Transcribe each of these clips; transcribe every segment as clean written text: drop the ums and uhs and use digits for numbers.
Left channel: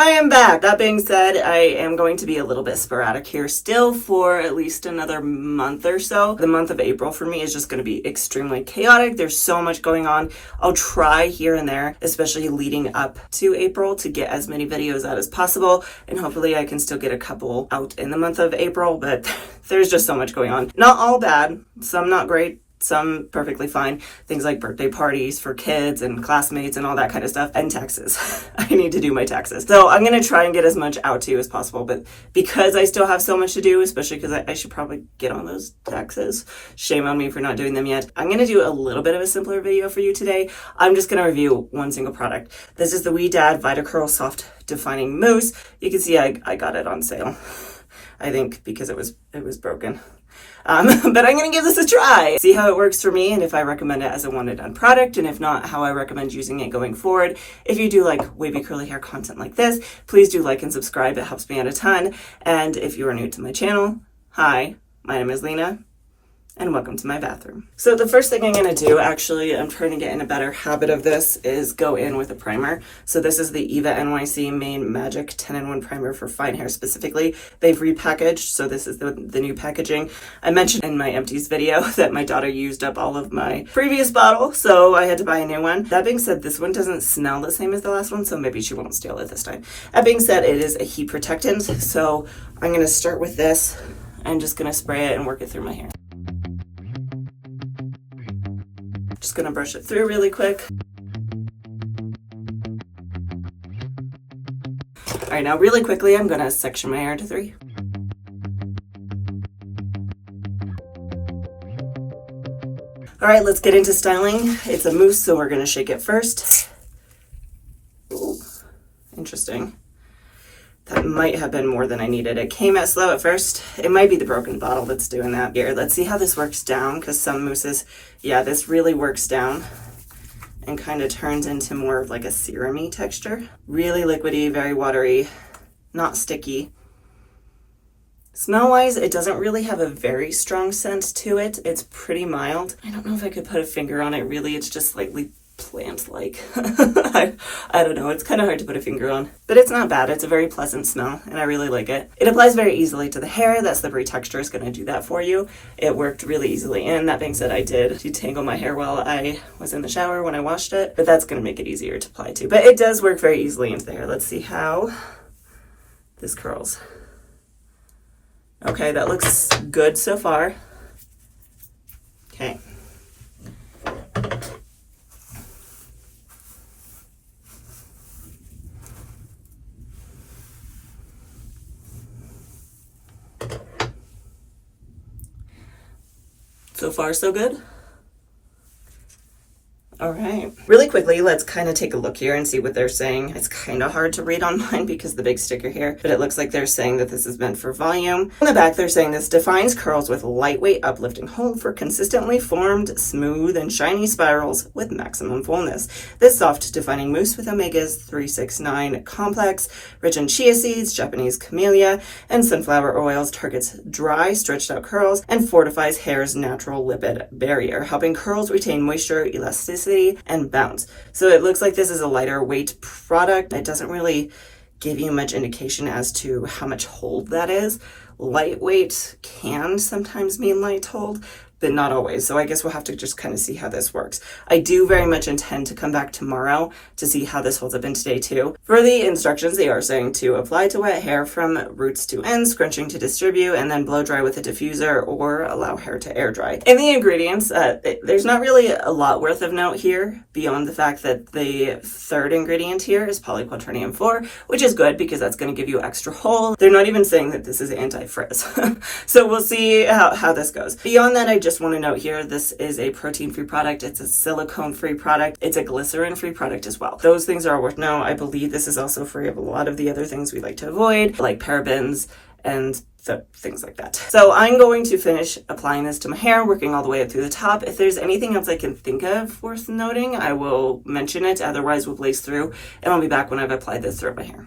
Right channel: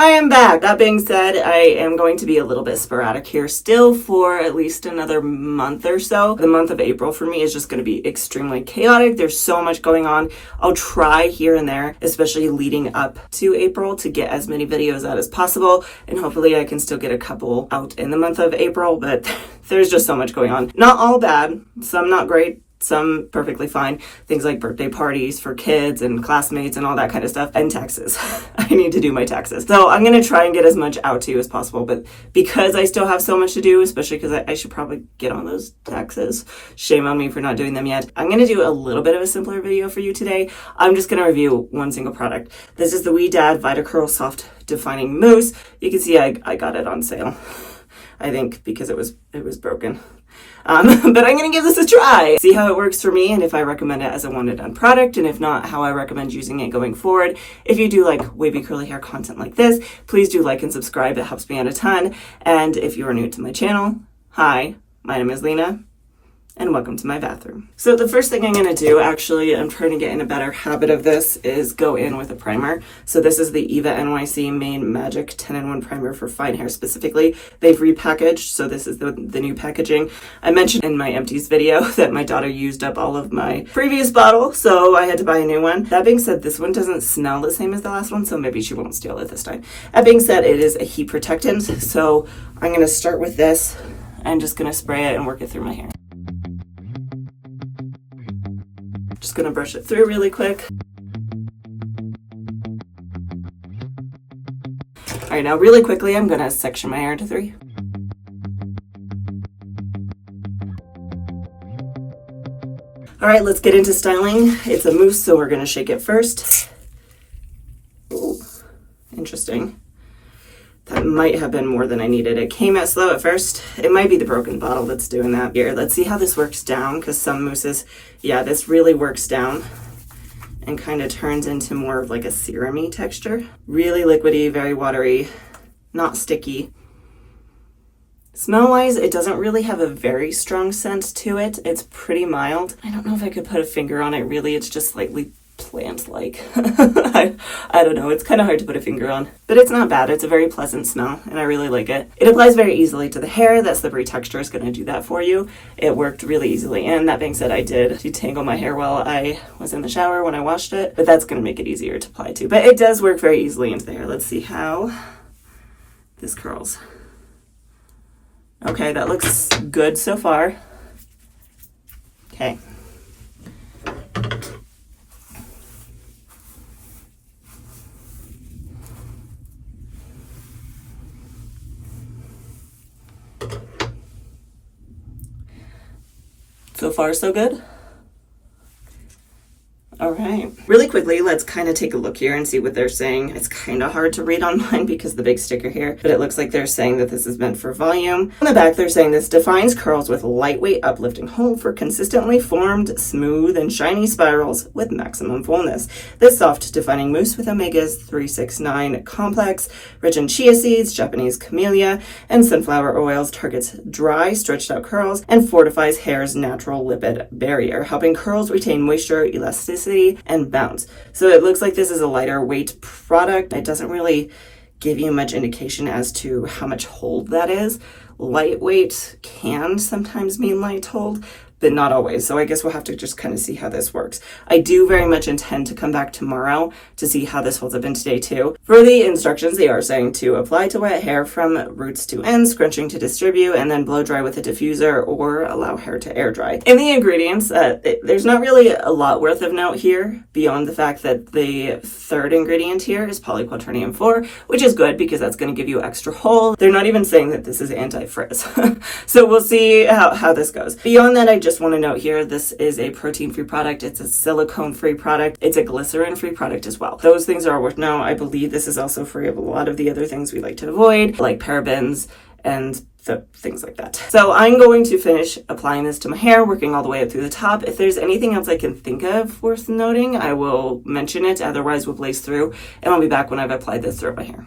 I am back. That being said, I am going to be a little bit sporadic here still for at least another month or so. The month of April for me is just going to be extremely chaotic. There's so much going on. I'll try here and there, especially leading up to April, to get as many videos out as possible, and hopefully I can still get a couple out in the month of April, but there's just so much going on. Not all bad, some not great, some perfectly fine. Things like birthday parties for kids and classmates and all that kind of stuff, and taxes. I need to do my taxes. So I'm going to try and get as much out to you as possible, but because I still have so much to do, especially because I should probably get on those taxes. Shame on me for not doing them yet. I'm going to do a little bit of a simpler video for you today. I'm just going to review one single product. This is the Ouidad Vitacurl Soft Defining Mousse. You can see I got it on sale. I think because it was broken. But I'm going to give this a try, see how it works for me, and if I recommend it as a one and done product, and if not, how I recommend using it going forward. If you do like wavy curly hair content like this, please do like and subscribe. It helps me out a ton. And if you are new to my channel, hi, my name is Lena, and welcome to my bathroom. So the first thing I'm going to do, actually, I'm trying to get in a better habit of this, is go in with a primer. So this is the Eva NYC Main Magic 10-in-1 primer for fine hair specifically. They've repackaged, so this is the new packaging. I mentioned in my empties video that my daughter used up all of my previous bottle, so I had to buy a new one. That being said, this one doesn't smell the same as the last one, so maybe she won't steal it this time. That being said, it is a heat protectant, so I'm going to start with this. I'm just going to spray it and work it through my hair. Just gonna brush it through really quick. All right, now really quickly, I'm gonna section my hair into 3. All right, let's get into styling. It's a mousse, so we're gonna shake it first. Ooh, interesting. That might have been more than I needed. It came out slow at first. It might be the broken bottle that's doing that. Here, let's see how this works down, because some mousses, yeah, this really works down and kind of turns into more of like a serum-y texture. Really liquidy, very watery, not sticky. Smell-wise, it doesn't really have a very strong scent to it. It's pretty mild. I don't know if I could put a finger on it, really. It's just slightly plant-like. I don't know, it's kind of hard to put a finger on, but it's not bad. It's a very pleasant smell and I really like it. It applies very easily to the hair. That slippery texture is going to do that for you. It worked really easily, and that being said, I did detangle my hair while I was in the shower when I washed it, but that's going to make it easier to apply to. But it does work very easily into the hair. Let's see how this curls. Okay, that looks good so far. Okay. So far, so good. All right, really quickly, let's kind of take a look here and see what they're saying. It's kind of hard to read on mine because of the big sticker here, but it looks like they're saying that this is meant for volume. On the back, they're saying this defines curls with lightweight uplifting hold for consistently formed, smooth, and shiny spirals with maximum fullness. This soft defining mousse with omegas 369 complex, rich in chia seeds, Japanese camellia, and sunflower oils targets dry, stretched out curls and fortifies hair's natural lipid barrier, helping curls retain moisture, elasticity, and bounce. So it looks like this is a lighter weight product. It doesn't really give you much indication as to how much hold that is. Lightweight can sometimes mean light hold, but not always. So I guess we'll have to just kind of see how this works. I do very much intend to come back tomorrow to see how this holds up in today too. For the instructions, they are saying to apply to wet hair from roots to ends, scrunching to distribute, and then blow dry with a diffuser or allow hair to air dry. In the ingredients, there's not really a lot worth of note here beyond the fact that the third ingredient here is polyquaternium 4, which is good because that's going to give you extra hold. They're not even saying that this is anti-frizz. So we'll see how this goes. Beyond that, I just want to note here, this is a protein-free product. It's a silicone-free product. It's a glycerin-free product as well. Those things are worth noting. I believe this is also free of a lot of the other things we like to avoid, like parabens and things like that. So I'm going to finish applying this to my hair, working all the way up through the top. If there's anything else I can think of worth noting, I will mention it. Otherwise, we'll blaze through, and I'll be back when I've applied this throughout my hair.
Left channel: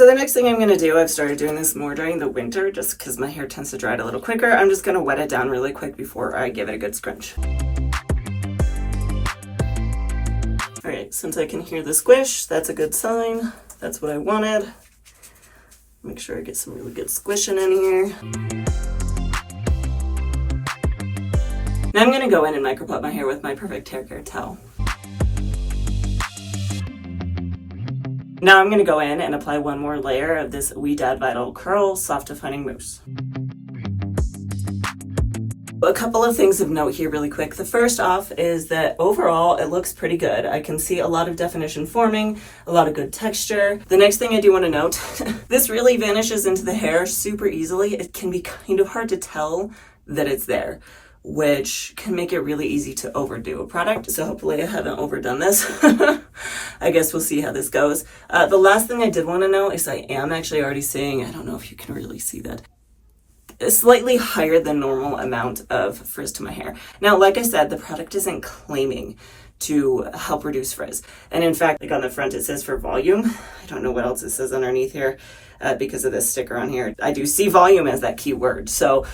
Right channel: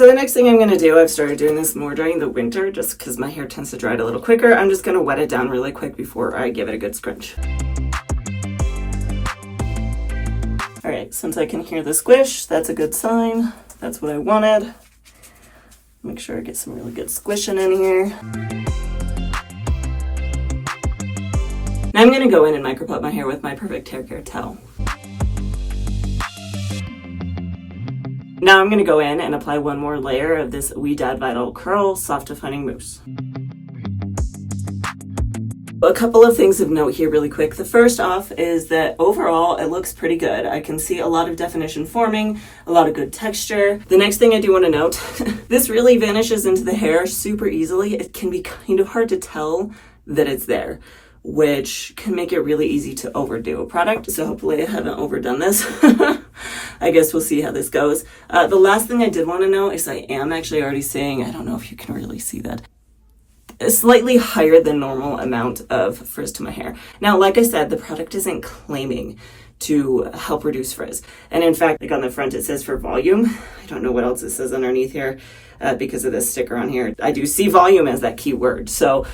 So the next thing I'm going to do, I've started doing this more during the winter just because my hair tends to dry out a little quicker. I'm just going to wet it down really quick before I give it a good scrunch. All right, since I can hear the squish, that's a good sign. That's what I wanted. Make sure I get some really good squishing in here. Now I'm going to go in and micropop my hair with my Perfect Hair Care towel. Now I'm going to go in and apply one more layer of this Ouidad Vitacurl Soft Defining Mousse. A couple of things of note here really quick. The first off is that overall it looks pretty good. I can see a lot of definition forming, a lot of good texture. The next thing I do want to note, this really vanishes into the hair super easily. It can be kind of hard to tell that it's there, which can make it really easy to overdo a product. So hopefully I haven't overdone this. I guess we'll see how this goes. The last thing I did want to know is I am actually already seeing, I don't know if you can really see that, a slightly higher than normal amount of frizz to my hair. Now, like I said, the product isn't claiming to help reduce frizz. And in fact, like on the front, it says for volume. I don't know what else it says underneath here because of this sticker on here. I do see volume as that key word. So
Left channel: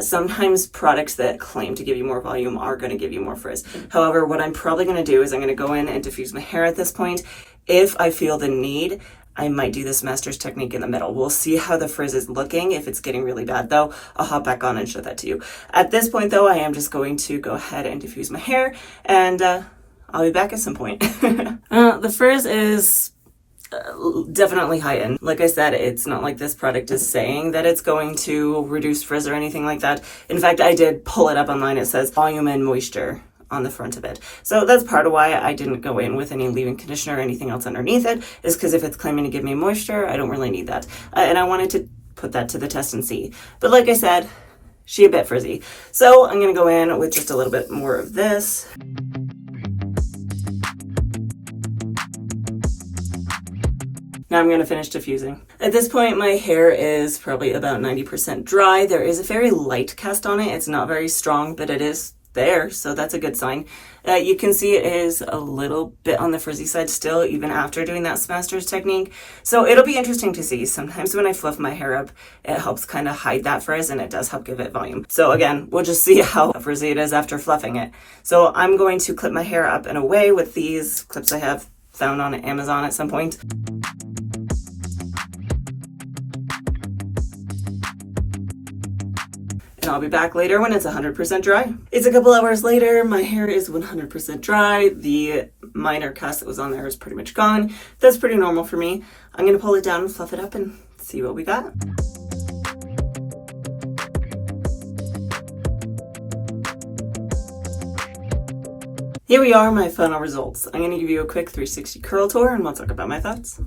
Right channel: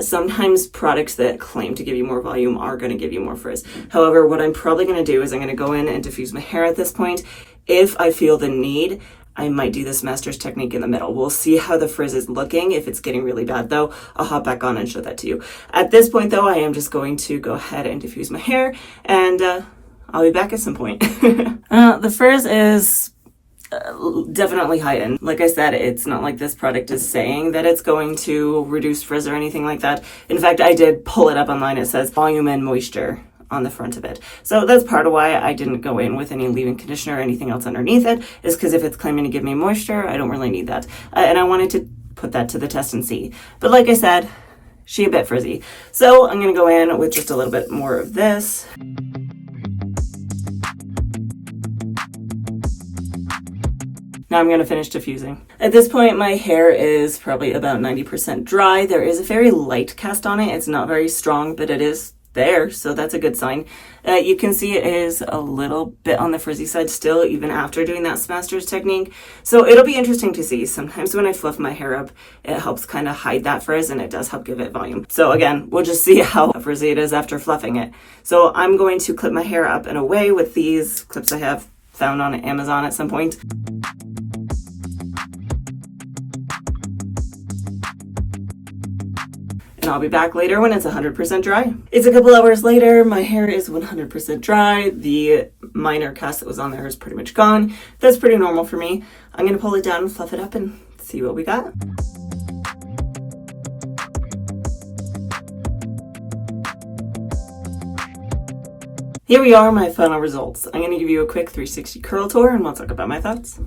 sometimes products that claim to give you more volume are going to give you more frizz. However, what I'm probably going to do is I'm going to go in and diffuse my hair at this point. If I feel the need, I might do the Smasters technique in the middle. We'll see how the frizz is looking. If it's getting really bad though, I'll hop back on and show that to you. At this point though, I am just going to go ahead and diffuse my hair and I'll be back at some point. The frizz is definitely heightened. Like I said, it's not like this product is saying that it's going to reduce frizz or anything like that. In fact, I did pull it up online. It says volume and moisture on the front of it. So that's part of why I didn't go in with any leave-in conditioner or anything else underneath it, is because if it's claiming to give me moisture, I don't really need that. And I wanted to put that to the test and see. But like I said, she a bit frizzy. So I'm gonna go in with just a little bit more of this. Now I'm going to finish diffusing. At this point, my hair is probably about 90% dry. There is a very light cast on it. It's not very strong, but it is there, so that's a good sign. You can see it is a little bit on the frizzy side still, even after doing that Smasters technique. So it'll be interesting to see. Sometimes when I fluff my hair up, it helps kind of hide that frizz, and it does help give it volume. So again, we'll just see how frizzy it is after fluffing it. So I'm going to clip my hair up in a way with these clips I have found on Amazon at some point. I'll be back later when it's 100% dry. It's a couple hours later. My hair is 100% dry. The minor cast that was on there is pretty much gone. That's pretty normal for me. I'm going to pull it down, fluff it up, and see what we got. Here we are, my final results. I'm going to give you a quick 360 curl tour and we'll talk about my thoughts.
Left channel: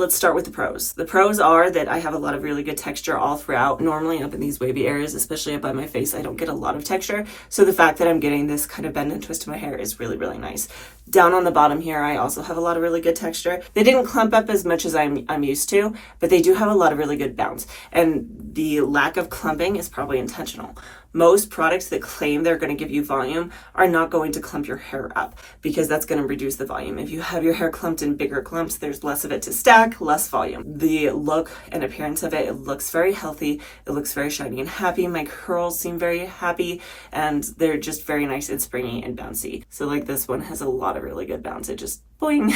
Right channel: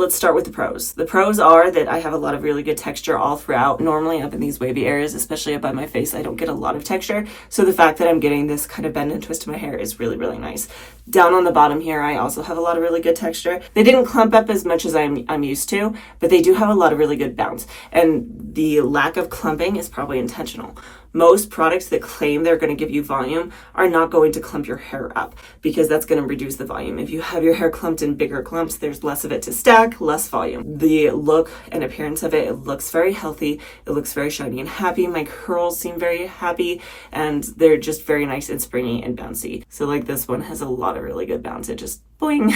Let's start with the pros. The pros are that I have a lot of really good texture all throughout. Normally up in these wavy areas, especially up by my face, I don't get a lot of texture. So the fact that I'm getting this kind of bend and twist to my hair is really, really nice. Down on the bottom here, I also have a lot of really good texture. They didn't clump up as much as I'm used to, but they do have a lot of really good bounce. And the lack of clumping is probably intentional. Most products that claim they're going to give you volume are not going to clump your hair up because that's going to reduce the volume. If you have your hair clumped in bigger clumps, there's less of it to stack, less volume. The look and appearance of it looks very healthy. It looks very shiny and happy. My curls seem very happy and they're just very nice and springy and bouncy. So like this one has a lot of really good bounce. It just boing.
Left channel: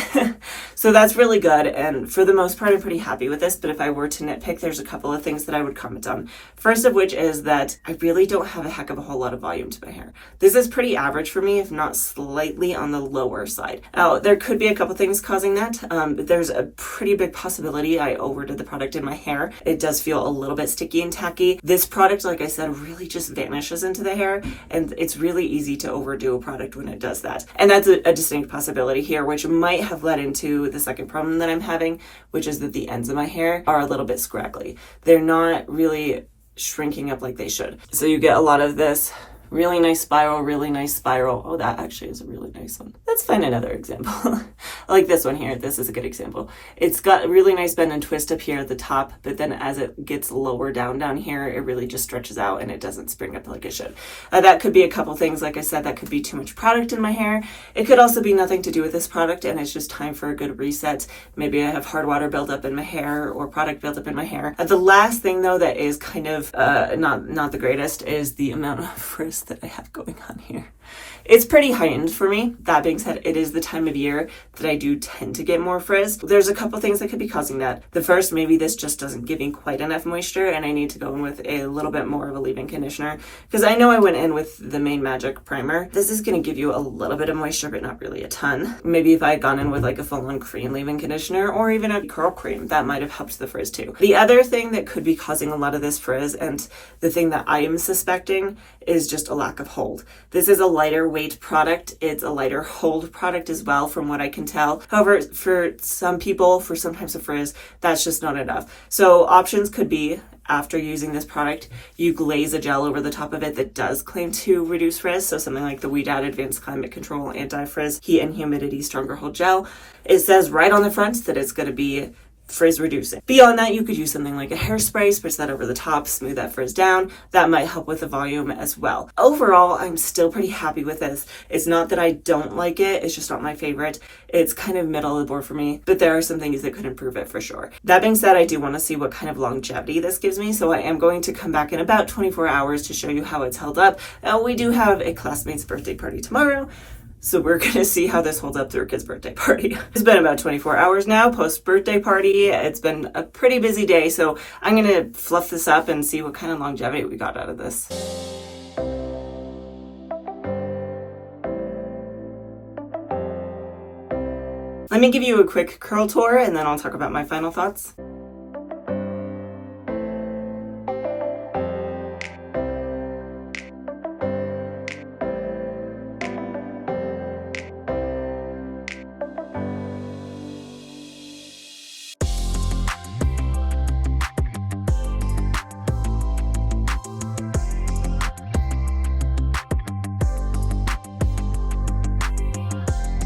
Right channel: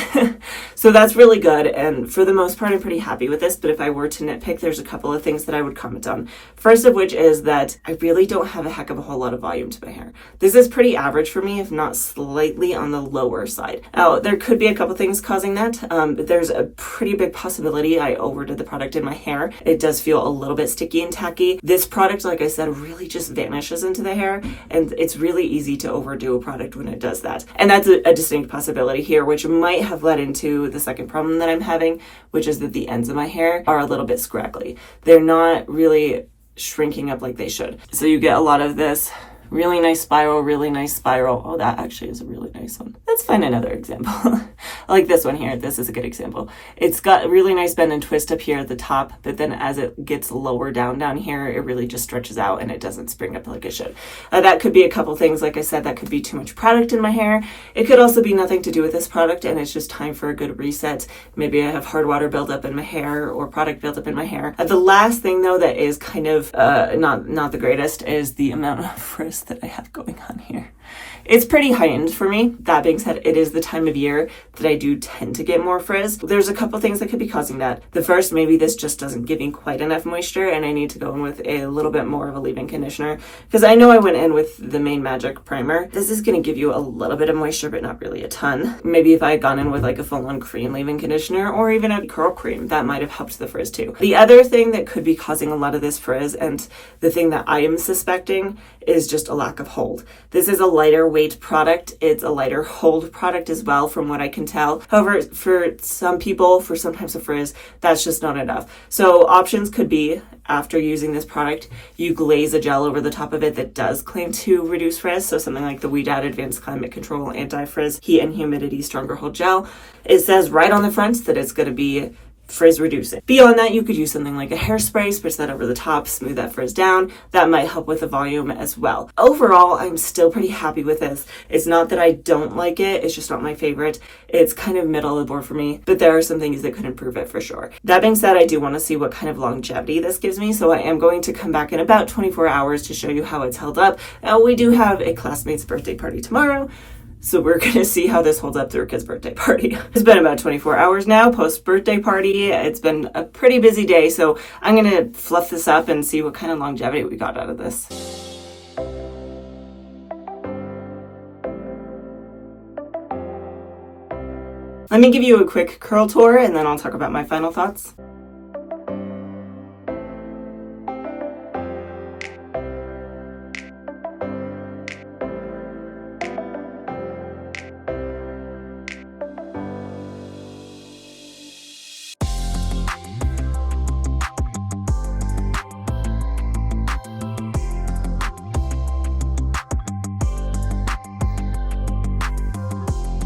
So that's really good. And for the most part, I'm pretty happy with this. But if I were to nitpick, there's a couple of things that I would comment on. First of which is that I really don't have a heck of a whole lot of volume to my hair. This is pretty average for me, if not slightly on the lower side. Now, there could be a couple things causing that, but there's a pretty big possibility I overdid the product in my hair. It does feel a little bit sticky and tacky. This product, like I said, really just vanishes into the hair, and it's really easy to overdo a product when it does that. And that's a distinct possibility here, which might have led into the second problem that I'm having, which is that the ends of my hair are a little bit scraggly. They're not really shrinking up like they should. So you get a lot of this really nice spiral, really nice spiral. Oh, that actually is a really nice one. Let's find another example. I like this one here. This is a good example. It's got a really nice bend and twist up here at the top, but then as it gets lower down here, it really just stretches out and it doesn't spring up like it should. That could be a couple things. Like I said, that could be too much product in my hair. It could also be nothing to do with this product and it's just time for a good reset. Maybe I have hard water buildup in my hair or product buildup in my hair. The last thing though that is kind of not the greatest is the amount of frizz that I have going on here. It's pretty heightened for me. That being said, it is the time of year that I do tend to get more frizz. There's a couple things that could be causing that. The first, maybe this just doesn't give me quite enough moisture and I need to go in with a little bit more of a leave-in conditioner because I know I went in with the Main Magic primer. This is going to give you a little bit of moisture, but not really a ton. Maybe if I had gone in with like a full-on cream leave-in conditioner or even a curl cream, that might have helped the frizz too. The other thing that could be causing a lot of this frizz, and the thing that I am suspecting, is just a lack of hold. This is a lighter weight product. It's a lighter hold product as well, from what I can tell. However, for some people, for some types of frizz, that's just not enough. So options could be, after using this product, you glaze a gel over the top of it that does claim to reduce frizz. So something like the Ouidad Advanced Climate Control Anti-Frizz Heat and Humidity Stronger Hold Gel. It says right on the front that it's going to be frizz reducing. Beyond that, you could use something like a hairspray, spritz that over the top, smooth that frizz down. That might help with the volume as well. Overall, I'm still pretty happy with this. It's not that I don't like it, it's just not my favorite. It's kind of middle of the board for me, but there are some things that could improve it for sure. That being said, I do want to see what kind of longevity this gives me, so I am going to come back in about 24 hours to show you how it's held up. Now, we do have a classmate's birthday party tomorrow, so we're going to see how this holds up through a kid's birthday party. It's been about 24 hours now post-birthday party. It's been a pretty busy day, so I'm going to fluff this up and see what kind of longevity we got out of this. Let me give you a quick curl tour and then I'll talk about my final thoughts.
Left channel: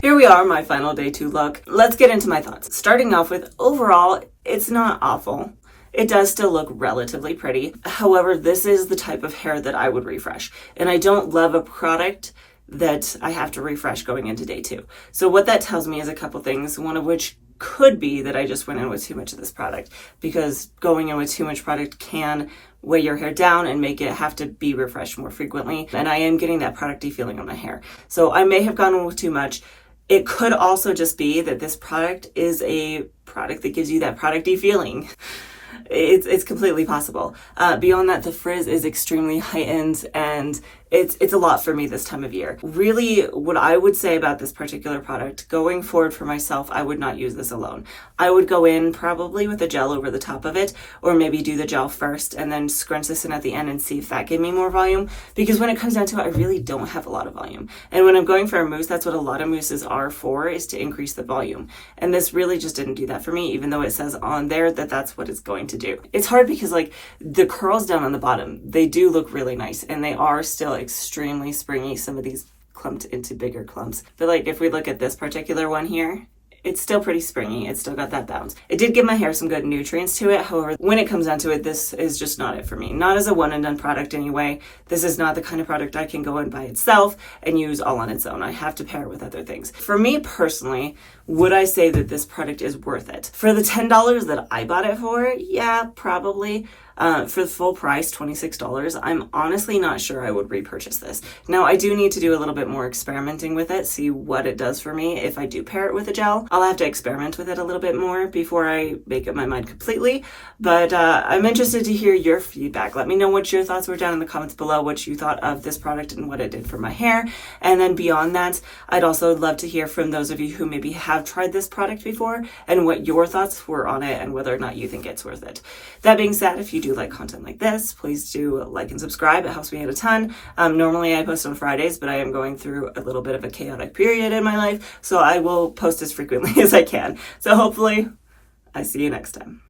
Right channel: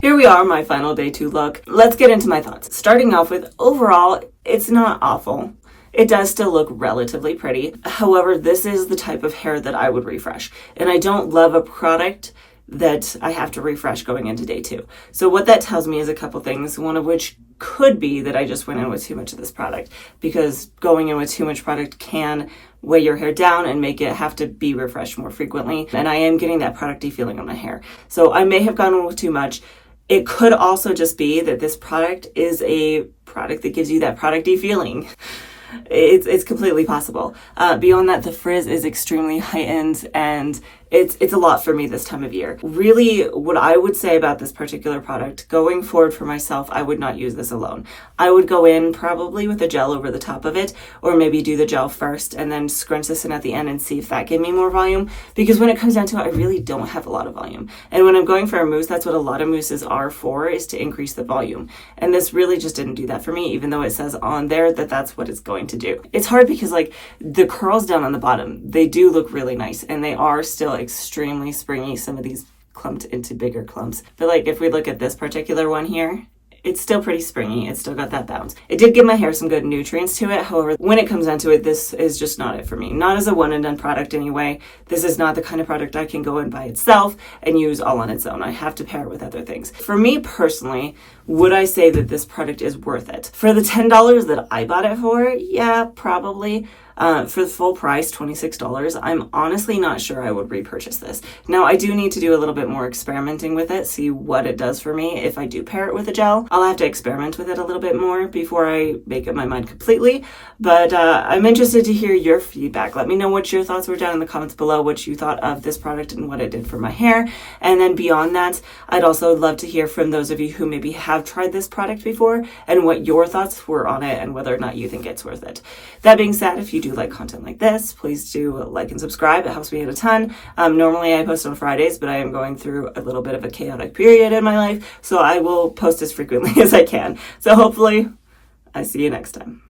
Here we are, my final day 2 look. Let's get into my thoughts. Starting off with, overall, it's not awful. It does still look relatively pretty. However, this is the type of hair that I would refresh. And I don't love a product that I have to refresh going into day 2. So what that tells me is a couple things, one of which could be that I just went in with too much of this product, because going in with too much product can weigh your hair down and make it have to be refreshed more frequently. And I am getting that producty feeling on my hair. So I may have gone in with too much. It could also just be that this product is a product that gives you that producty feeling. It's completely possible. Beyond that, the frizz is extremely heightened and it's a lot for me this time of year. Really, what I would say about this particular product, going forward for myself, I would not use this alone. I would go in probably with a gel over the top of it, or maybe do the gel first and then scrunch this in at the end and see if that gave me more volume. Because when it comes down to it, I really don't have a lot of volume. And when I'm going for a mousse, that's what a lot of mousses are for, is to increase the volume. And this really just didn't do that for me, even though it says on there that that's what it's going to do. It's hard because like the curls down on the bottom, they do look really nice and they are still extremely springy. Some of these clumped into bigger clumps, but like if we look at this particular one here, it's still pretty springy. It's still got that bounce. It did give my hair some good nutrients to it. However, when it comes down to it, this is just not it for me. Not as a one and done product anyway. This is not the kind of product I can go in by itself and use all on its own. I have to pair it with other things. For me personally, would I say that this product is worth it? For the $10 that I bought it for, yeah, probably. For the full price, $26, I'm honestly not sure I would repurchase this. Now, I do need to do a little bit more experimenting with it, see what it does for me. If I do pair it with a gel, I'll have to experiment with it a little bit more before I make up my mind completely. But I'm interested to hear your feedback. Let me know what your thoughts were down in the comments below, what you thought of this product and what it did for my hair. And then beyond that, I'd also love to hear from those of you who maybe have tried this product before and what your thoughts were on it and whether or not you think it's worth it. That being said, if you do like content like this, please do like and subscribe. It helps me out a ton. Normally I post on Fridays, but I am going through a little bit of a chaotic period in my life, so I will post as frequently as I can. So hopefully I see you next time.